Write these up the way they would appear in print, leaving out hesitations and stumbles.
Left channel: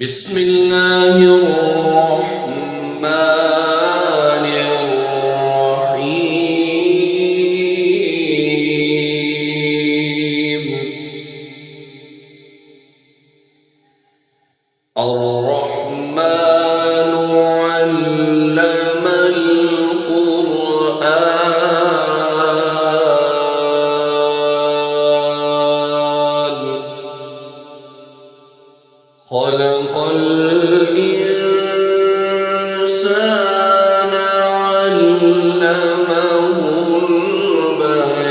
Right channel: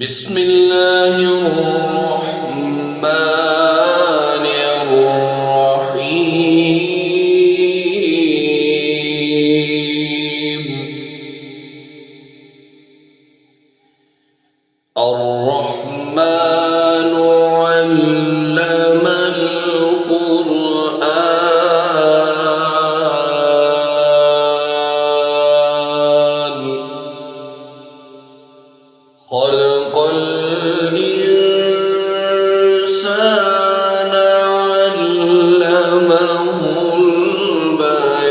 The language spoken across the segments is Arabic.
بسم الله الرحمن الرحيم. الرحمن علم القرآن خلق الإنسان علمه البيان.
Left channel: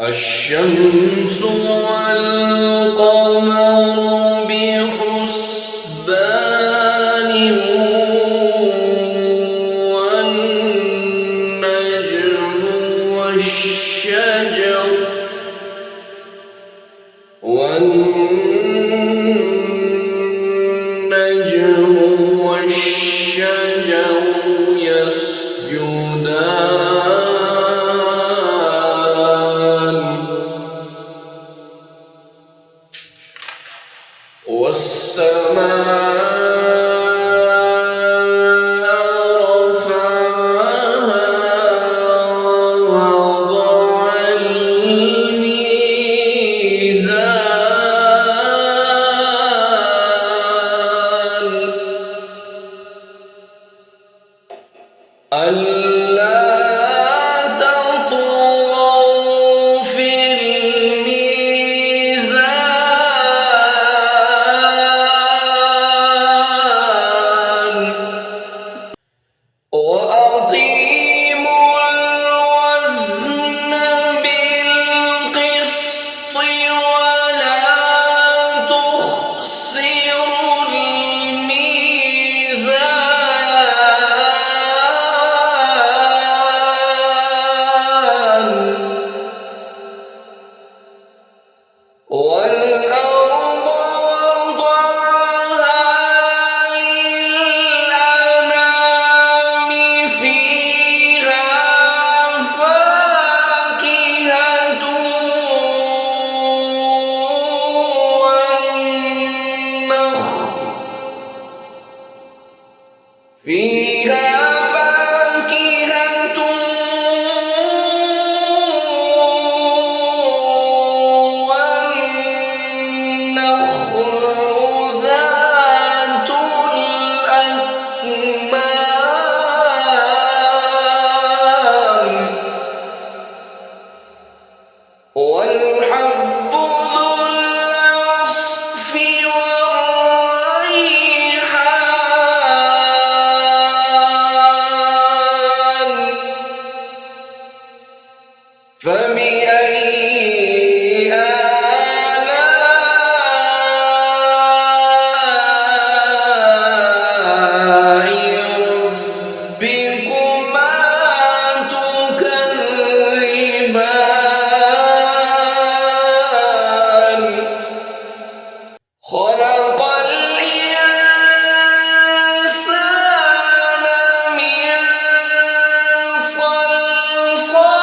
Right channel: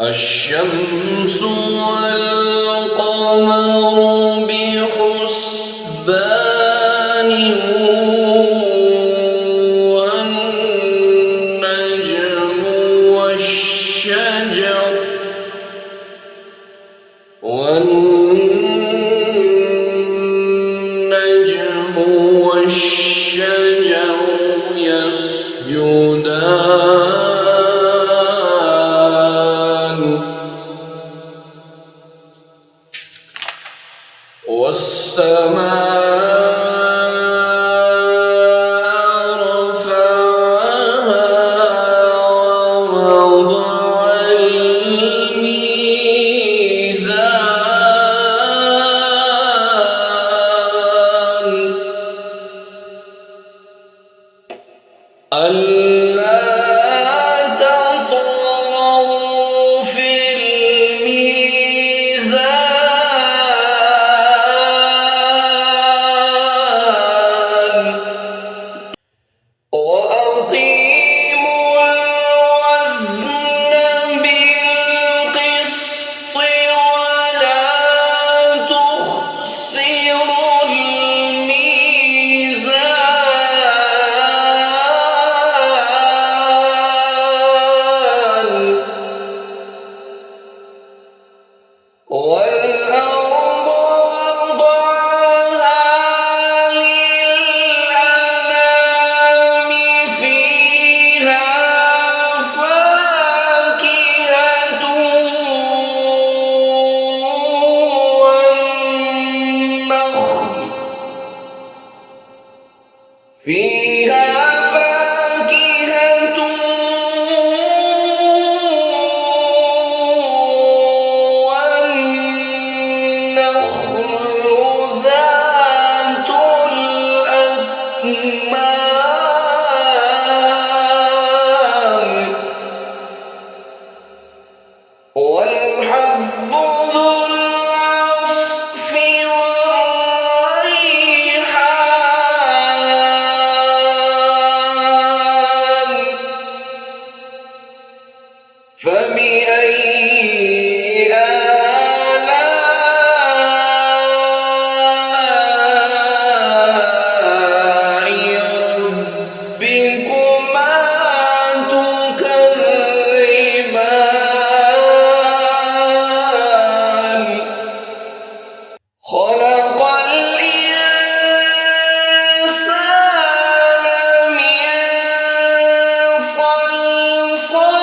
الشمس والقمر بحسبان والنجم والشجر يسجدان. والسماء رفعها ووضع الميزان ألا تطغوا في الميزان وأقيموا الوزن بالقسط ولا تخسروا الميزان والأرض وضعها للأنام فيها فاكهة والنخل ذات الأكمام والحب ذو العصف والريحان. فبأي آلاء ربكما تكذبان. خلق الإنسان من صلصال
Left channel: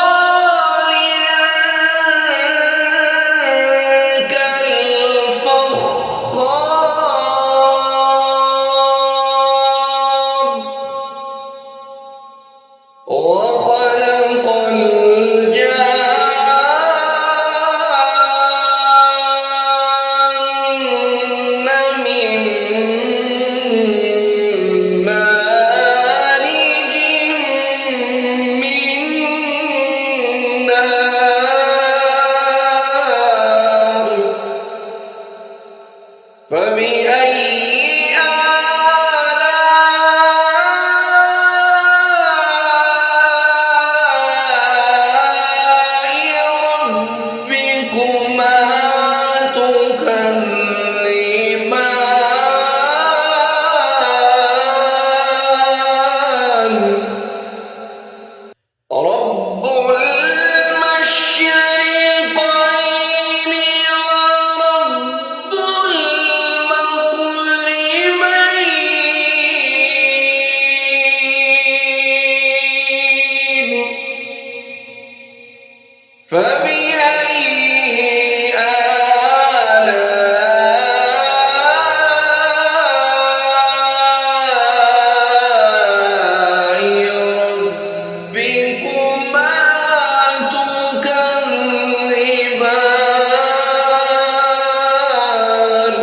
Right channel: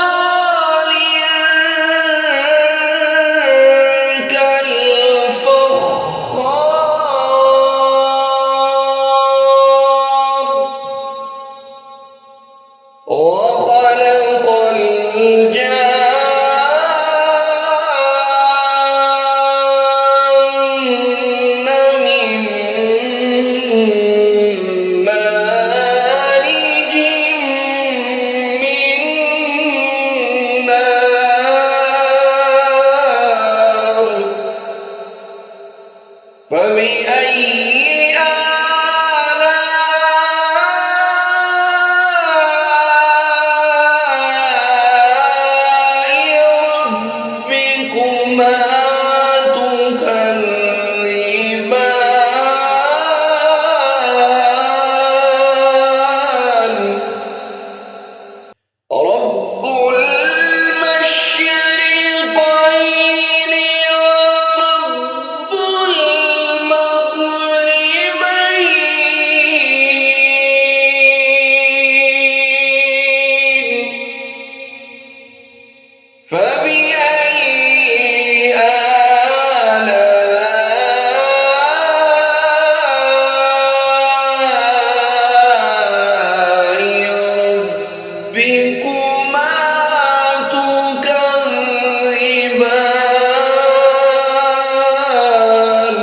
فبأي آلاء ربكما تكذبان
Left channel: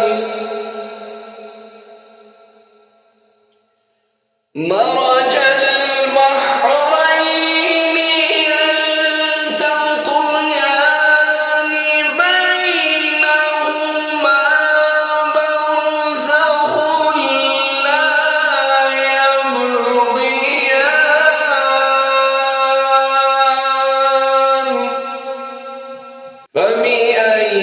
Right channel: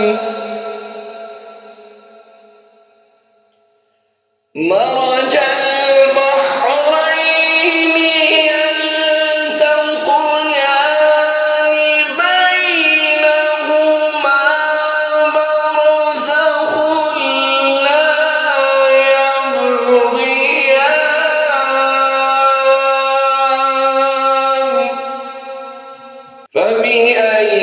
مرج البحرين يلتقيان بينهما برزخ لا يبغيان فبأي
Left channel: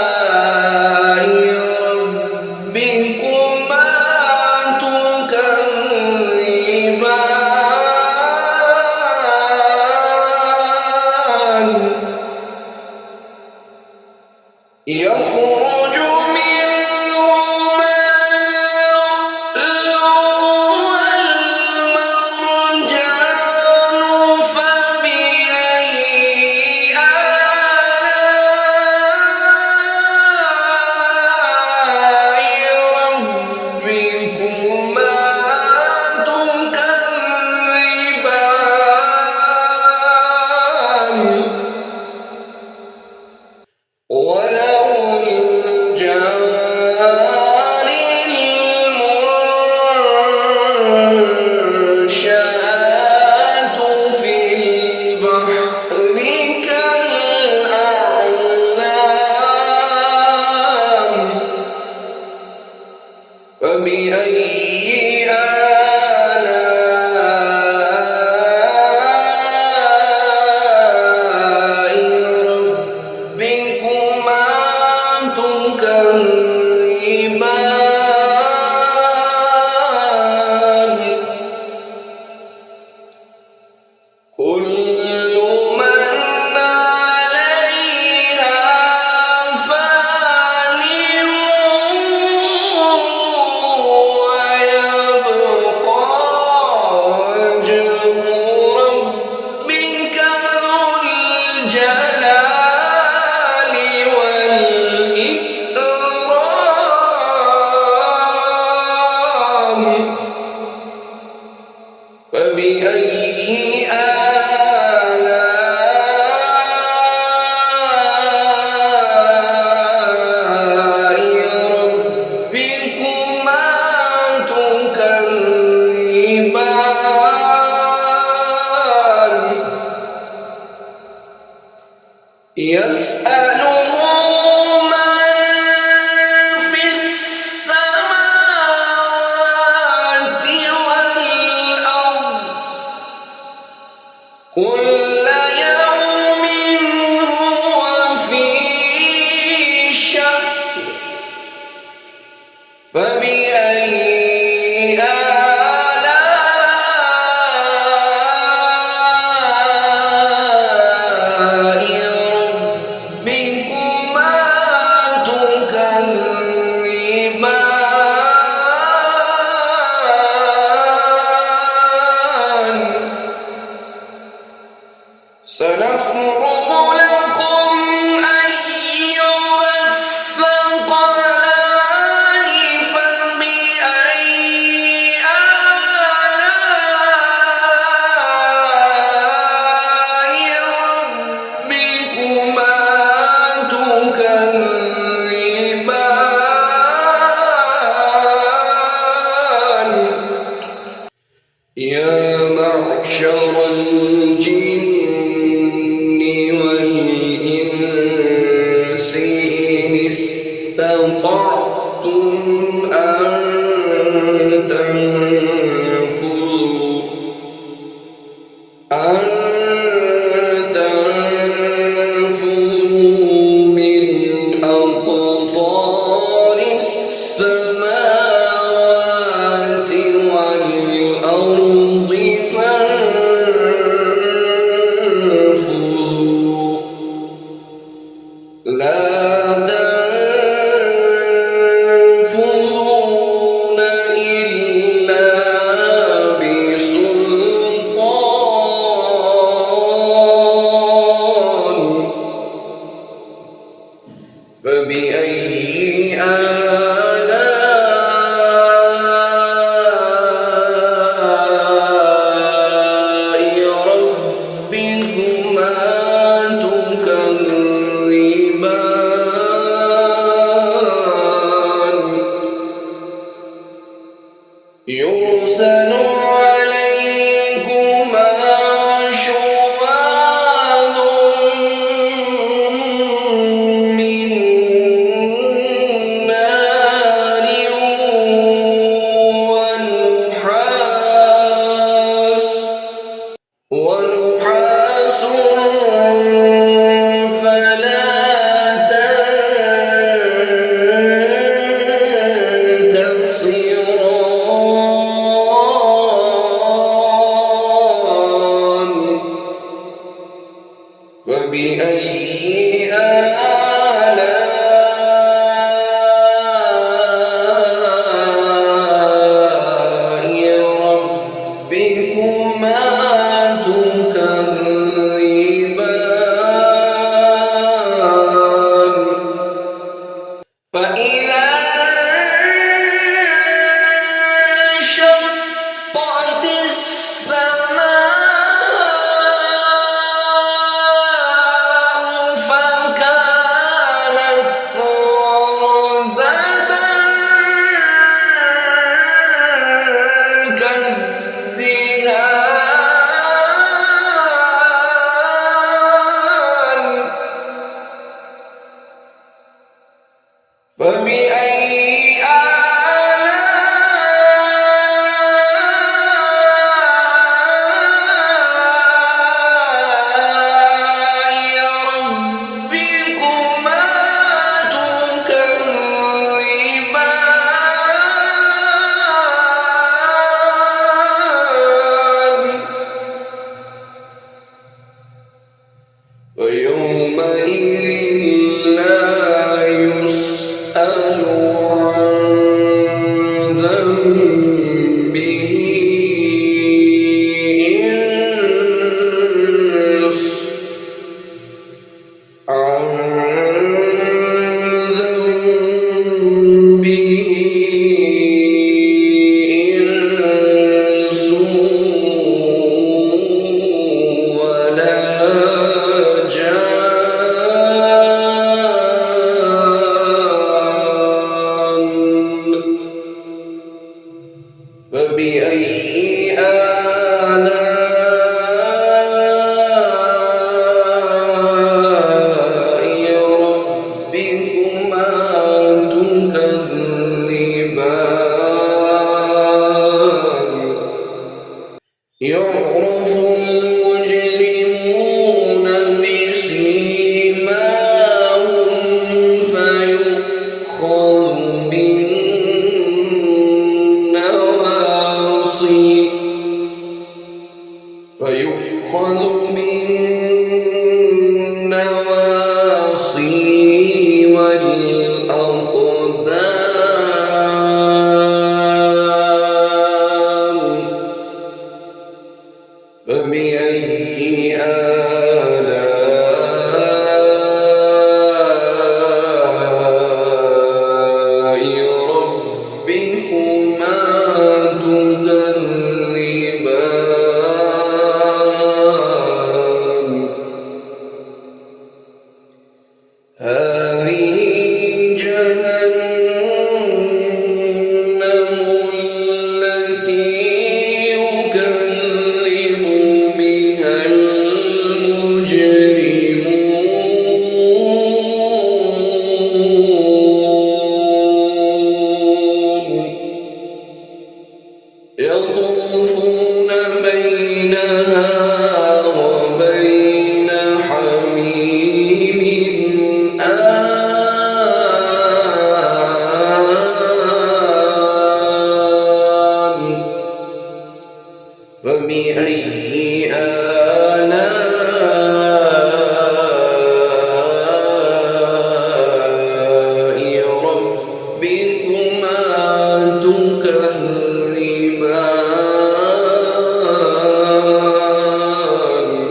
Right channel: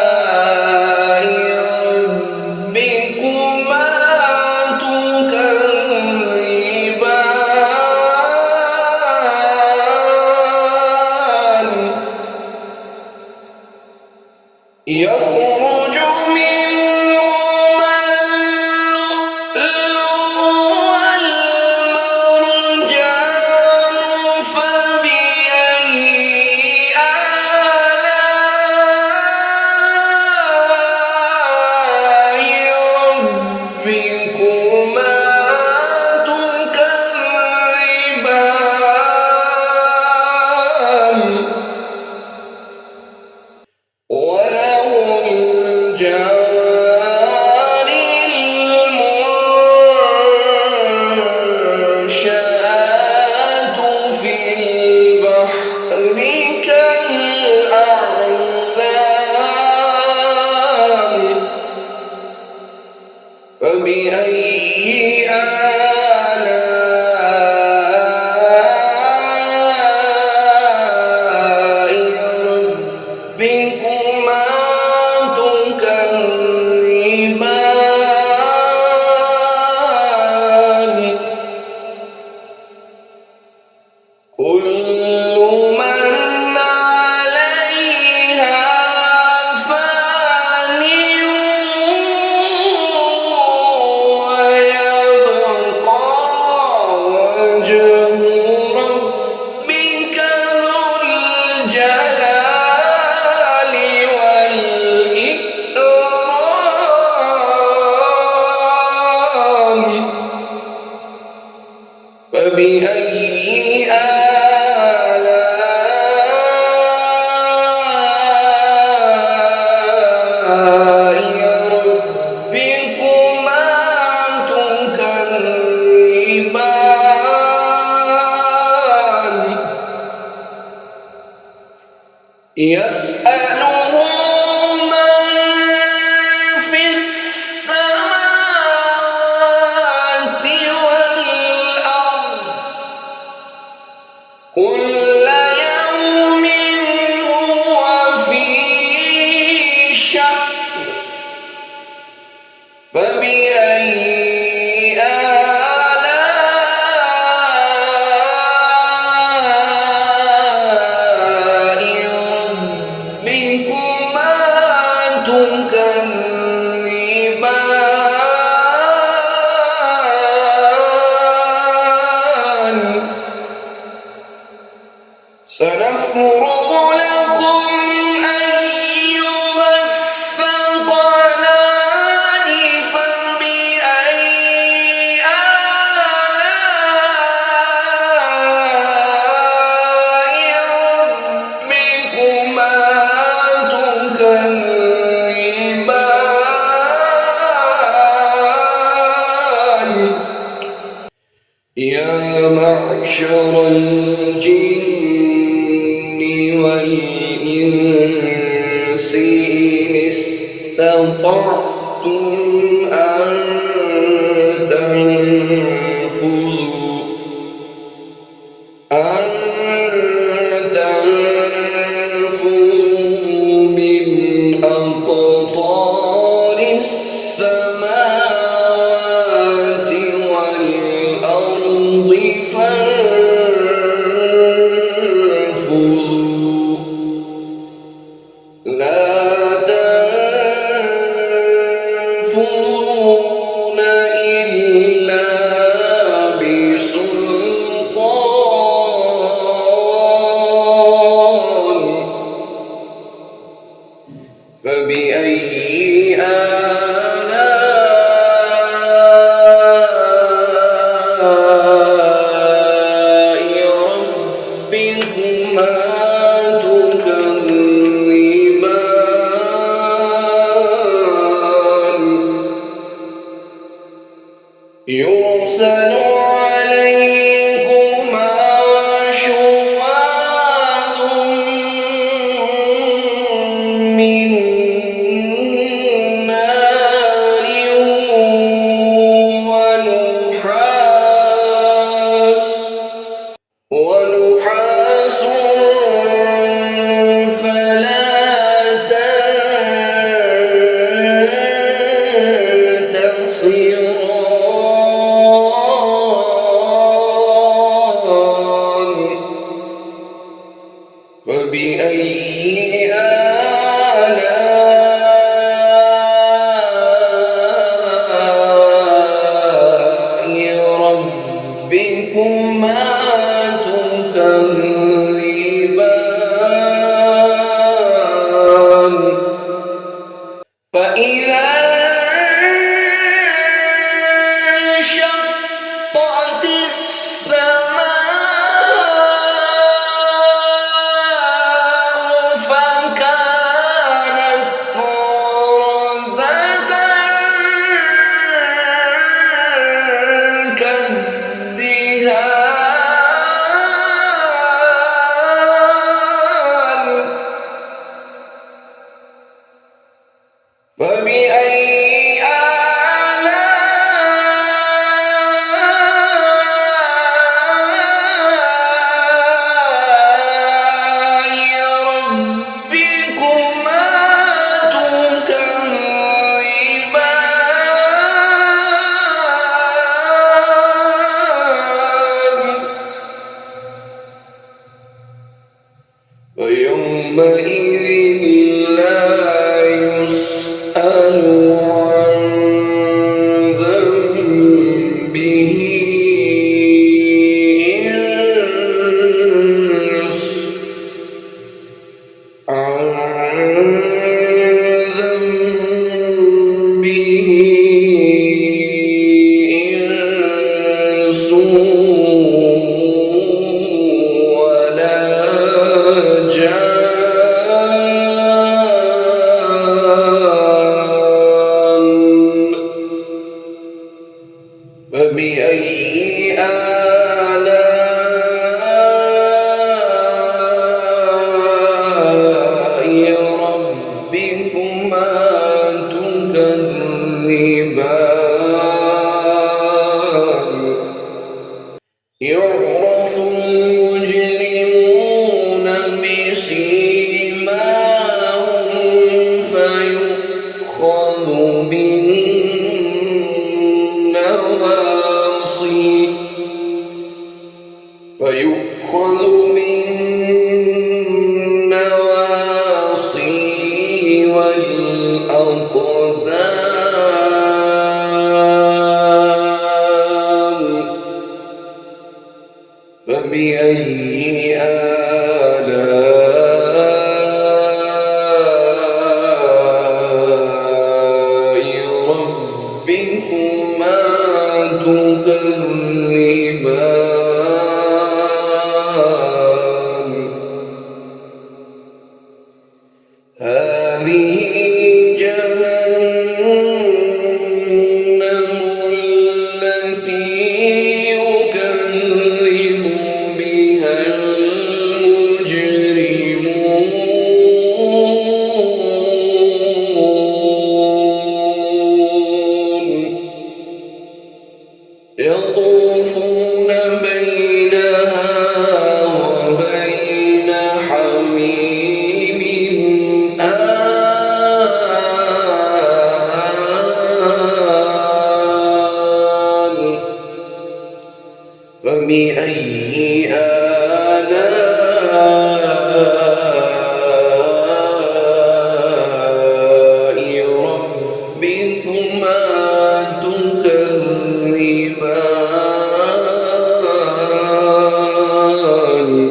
آلاء ربكما تكذبان يخرج منهما اللؤلؤ والمرجان فبأي آلاء ربكما تكذبان وله الجوار المنشآت في البحر كالأعلام فبأي آلاء ربكما تكذبان كل من عليها فان ويبقى وجه ربك ذو الجلال والإكرام فبأي آلاء ربكما تكذبان يسأله من في السماوات والأرض كل يوم هو في شأن فبأي آلاء ربكما تكذبان سنفرغ لكم أيها الثقلان فبأي آلاء ربكما تكذبان يا معشر الجن والإنس إن استطعتم أن تنفذوا من أقطار السماوات والأرض فانفذوا يرسل عليكما شواظ من نار ونحاس فلا تنتصران فبأي آلاء ربكما تكذبان فإذا انشقت السماء فكانت وردة كالدهان فبأي آلاء ربكما تكذبان ويومئذ لا يسأل عن ذنبه إنس ولا جان فبأي آلاء ربكما تكذبان يعرف المجرمون بسيماهم فيؤخذ بالنواصي والأقدام فبأي آلاء ربكما تكذبان هذه جهنم التي يكذب بها المجرمون يطوفون بينها وبين حميم آن فبأي آلاء ربكما تكذبان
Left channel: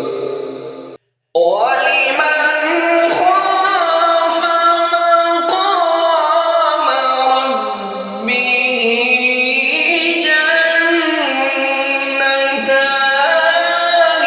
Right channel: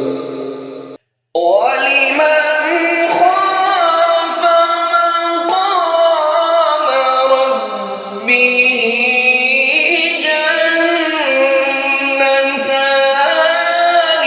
ولمن خاف مقام ربه جنتان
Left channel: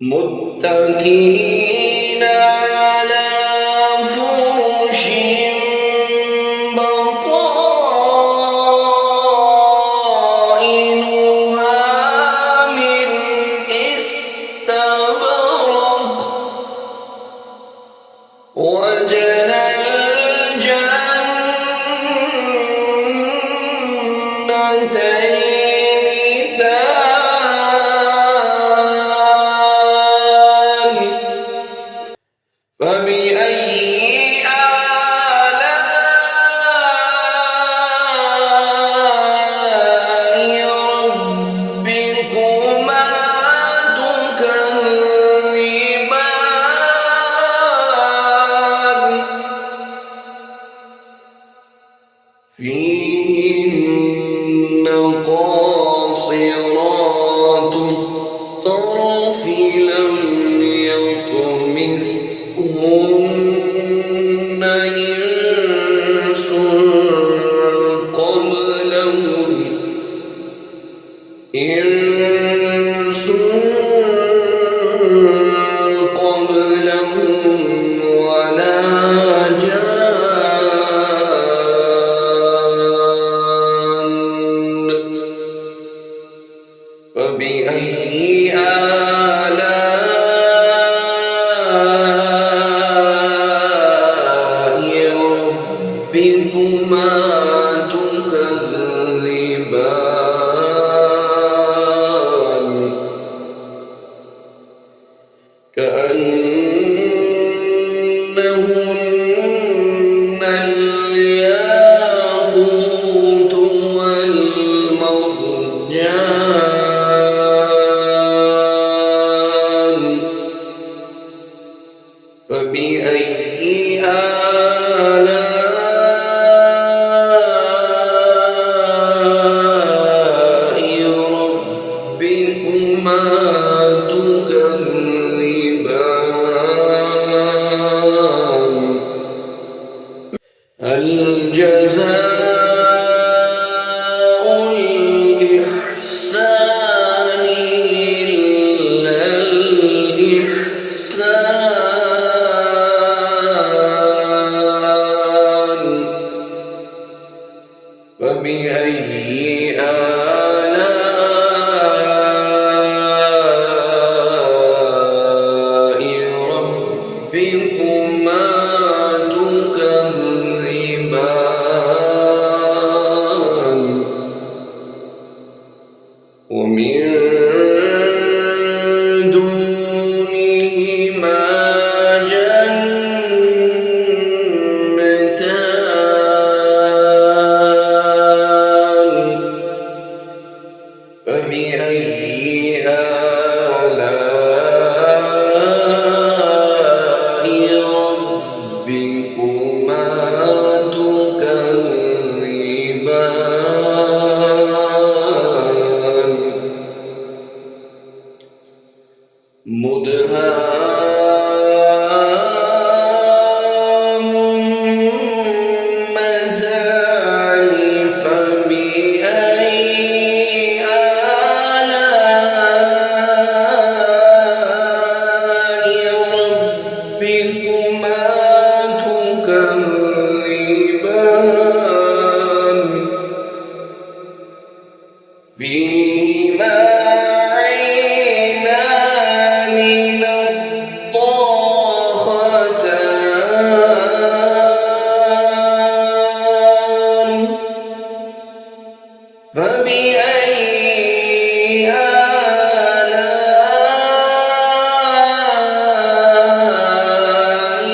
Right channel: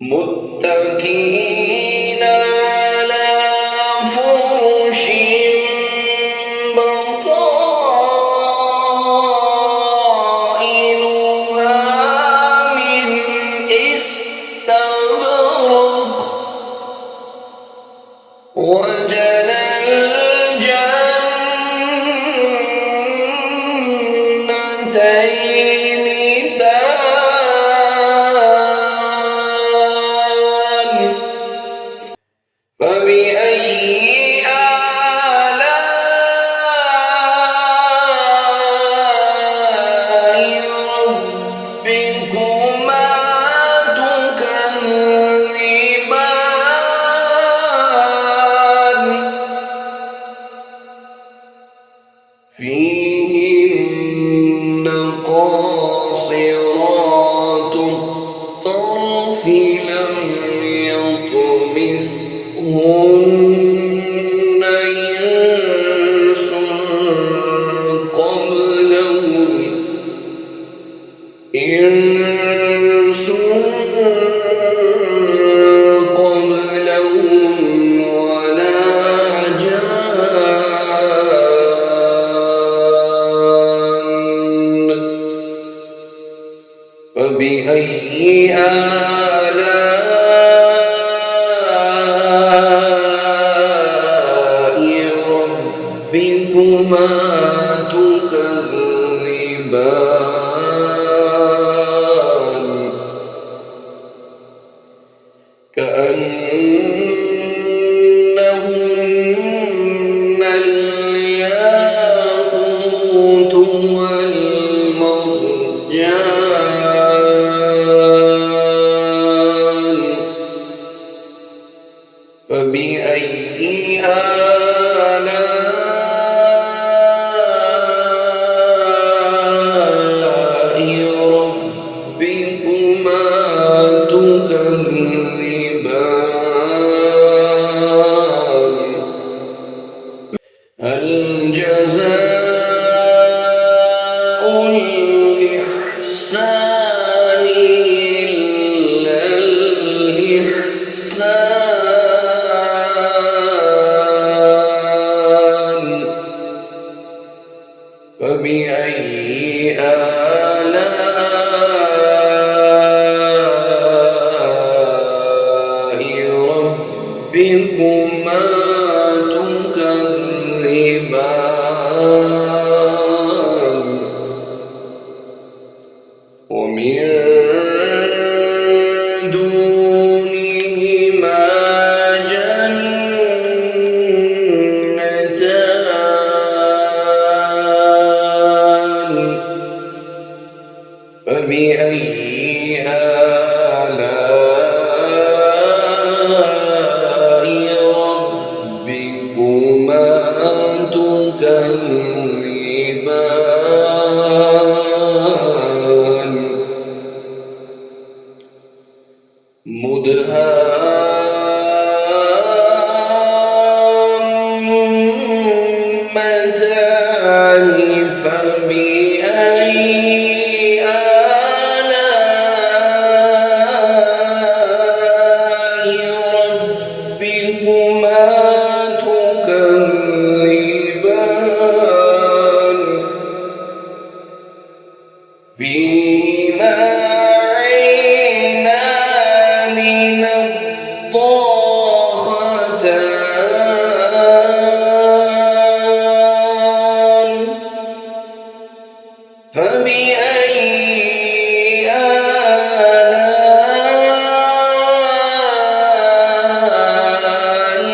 متكئين على فرش بطائنها من استبرق وجنى الجنتين دان فبأي آلاء ربكما تكذبان فيهن قاصرات الطرف لم يطمثهن إنس قبلهم ولا جان فبأي آلاء ربكما تكذبان كأنهن الياقوت والمرجان فبأي آلاء ربكما تكذبان هل جزاء الإحسان إلا الإحسان فبأي آلاء ربكما تكذبان ومن دونهما جنتان فبأي آلاء ربكما تكذبان مدهامتان فبأي آلاء ربكما تكذبان فيهما عينان نضاختان فبأي آلاء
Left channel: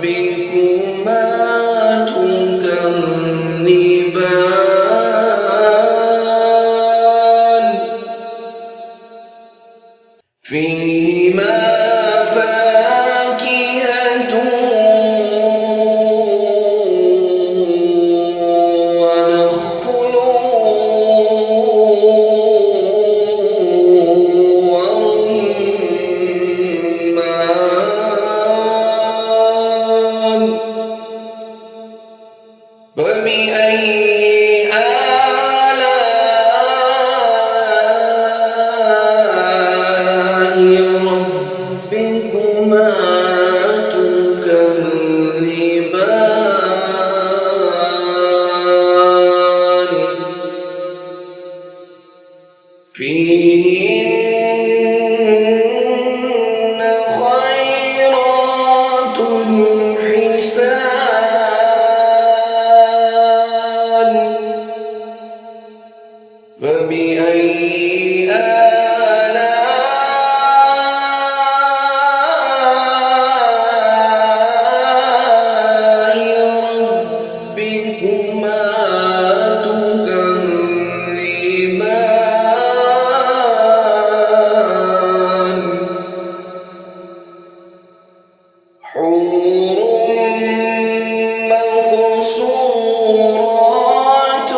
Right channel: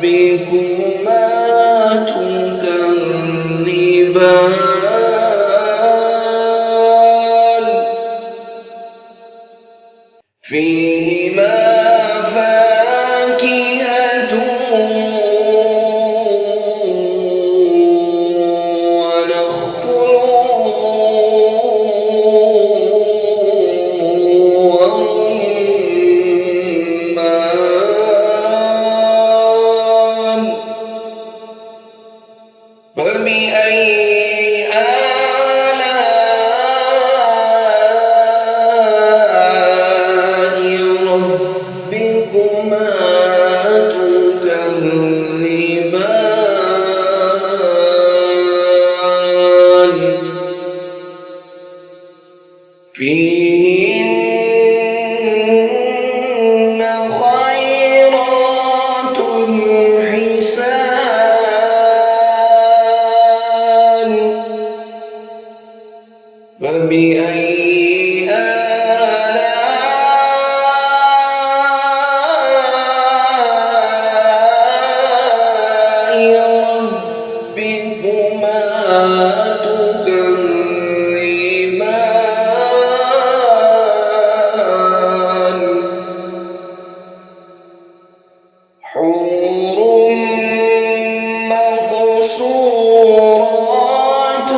ربكما تكذبان فيهما فاكهة ونخل ورمان فبأي آلاء حور مقصورات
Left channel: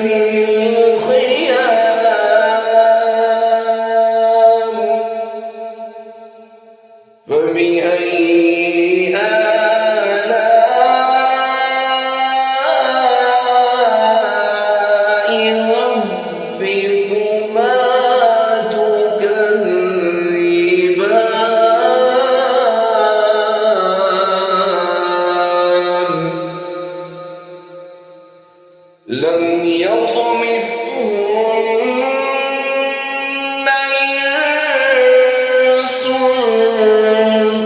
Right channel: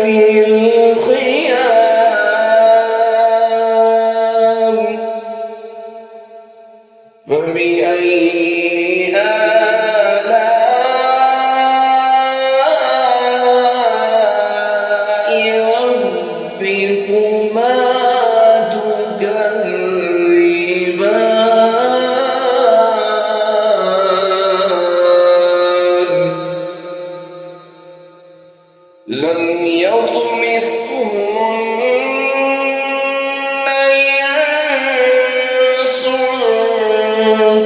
في الخيام فبأي آلاء ربكما تكذبان لم يطمثهن إنس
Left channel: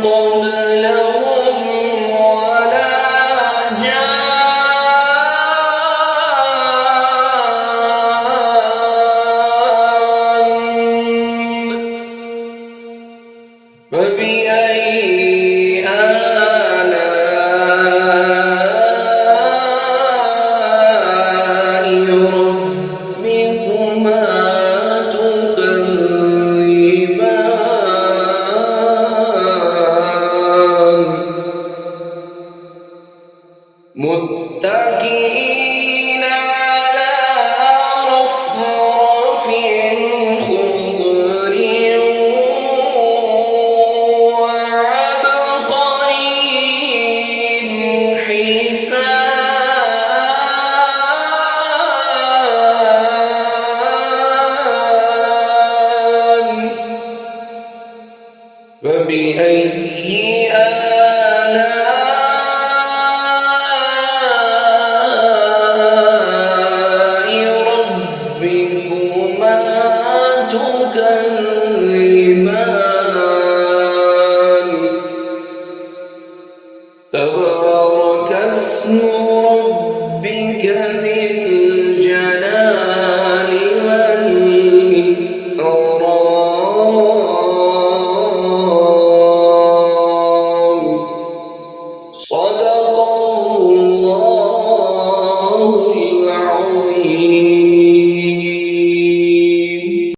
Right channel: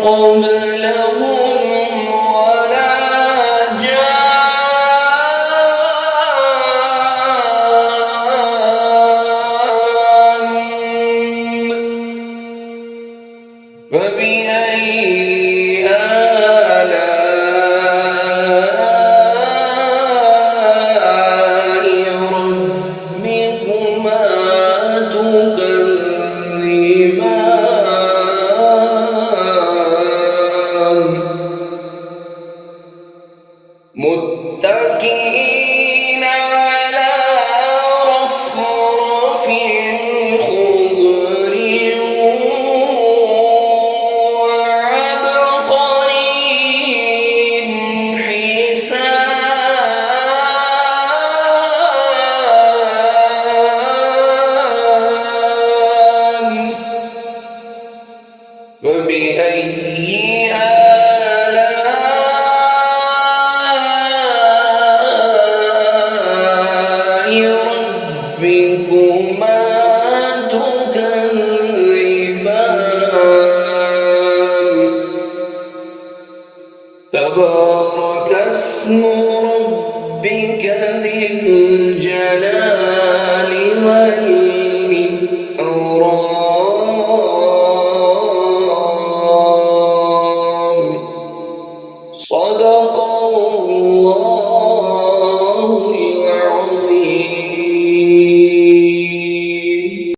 قبلهم ولا جان فبأي آلاء ربكما تكذبان متكئين على رفرف خضر وعبقري حسان فبأي آلاء ربكما تكذبان تبارك اسم ربك ذي الجلال والإكرام صدق